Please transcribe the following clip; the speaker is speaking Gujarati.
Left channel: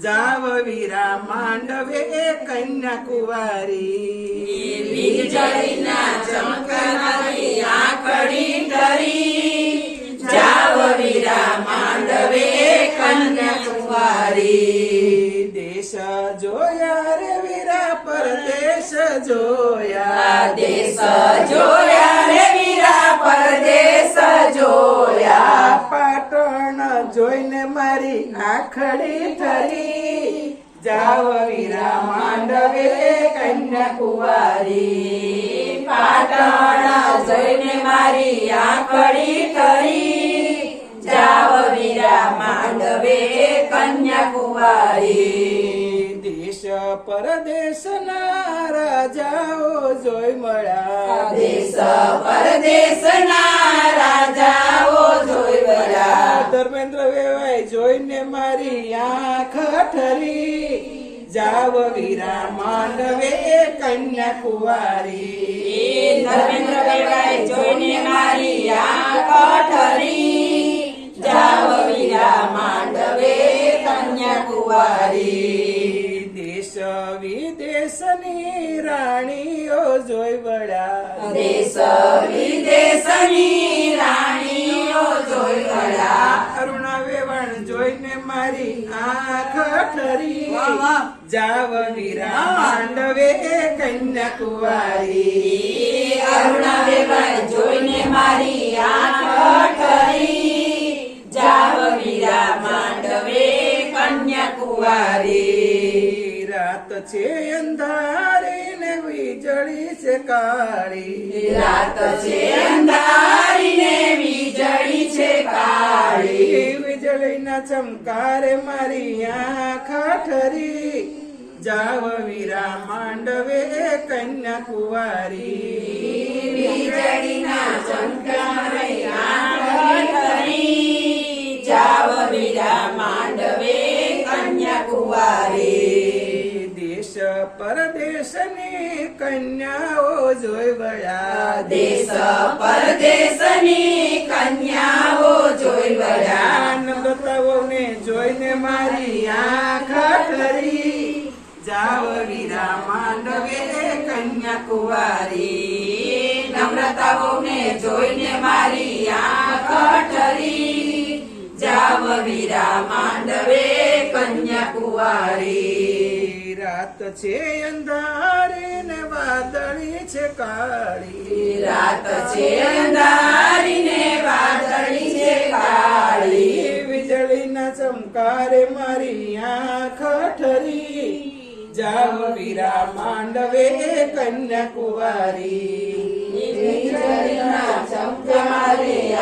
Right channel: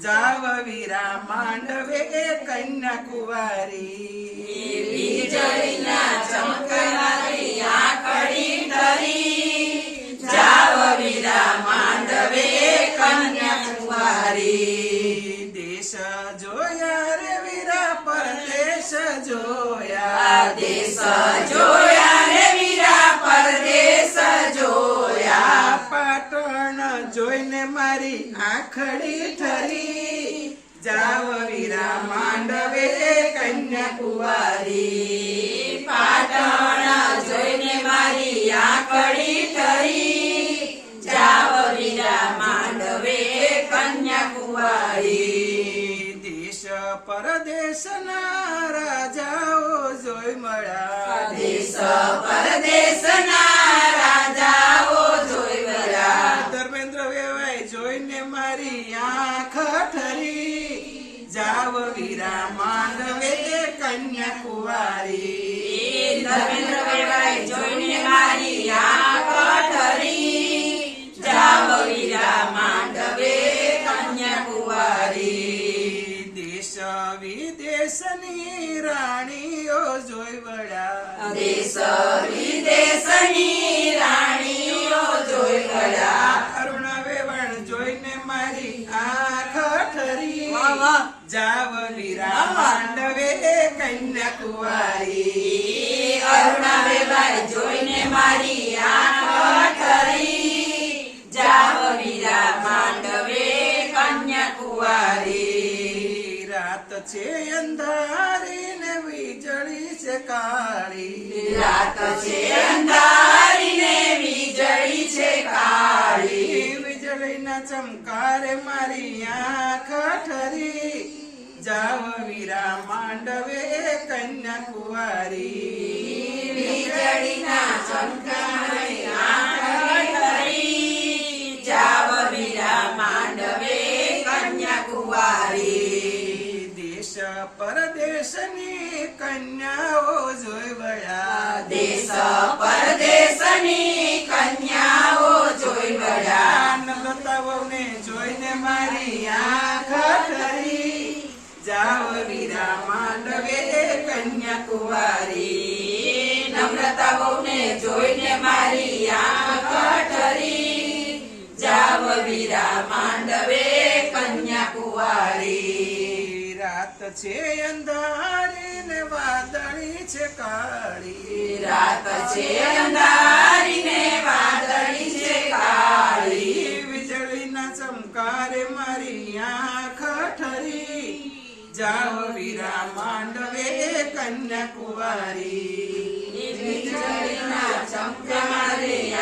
જાવ વીરા માંડવે કન્યાકુમારી વીજળીના ચમકનારી આંખડી ધરી જાવ વીરા માંડવે કન્યાકુમારી દેશ જોયા રે વીરા પરદેશ જોયા દેશ જોયા રે વીરા પરદેશ જોયા પાટણ જોઈને મારી આંખડી ઠરી જાવ વીરા માંડવે કન્યાકુમારી પાટણ જોઈને મારી આંખડી ઠરી જાવ વીરા માંડવે કન્યાકુમારી દેશ પરદેશના રાજાઓ જોઈ મળ્યા દેશ પરદેશના રાજાઓ જોઈ મળ્યા ધર્મેન્દ્ર વેવાય જોઈને મારી આંખ ઠરી જાવ વીરા માંડવે કન્યાકુમારી ધર્મેન્દ્ર વેવાય જોઈને મારી આંખ ઠરી જાવ વીરા માંડવે કન્યાકુમારી દેશ વિદેશની રાણીઓ જોઈ વળ્યા દેશ વિદેશની રાણીઓ જોઈ મળ્યા અરુણા વેવાણ જોઈને મારી આંખ ઠરી જાવ વીરા માંડવે કન્યાકુમારી અરુણા વેવાય જોઈને મારી આંખ ઠરી જાવ વીરા માંડવે કન્યાકુમારી રાત છે અંધારી ને વીજળી છે કાળી રાત છે અંધારી ને વીજળી છે કાળી વીજળીના ચમકારે મારી આંખ ઠરી જાવ વીરા માંડવે કન્યાકુમારી વીજળીના ચમકારે આંખ ઠરી જાવ વીરા માંડવે કન્યાકુમારી દેશ પરદેશની કન્યાઓ જોઈ વળ્યા દેશ પરદેશની કન્યાઓ જોઈ મળ્યા નમ્રતાઓને જોઈને મારી આંખ ઠરી જાવ વીરા માંડવે કન્યાકુમારી નમ્રતાઓને જોઈને મારી આંખ ઠરી જાવ વીરા માંડવે કન્યાકુમારી રાત છે અંધારી ને વાદળી છે કાળી રાત છે અંધારી ને વાદળી છે કાળી વીજળીના ચમકારે મારી આંખ ઠરી જાવ વીરા માંડવે કન્યાકુમારી વીજળીના ચમકે મારી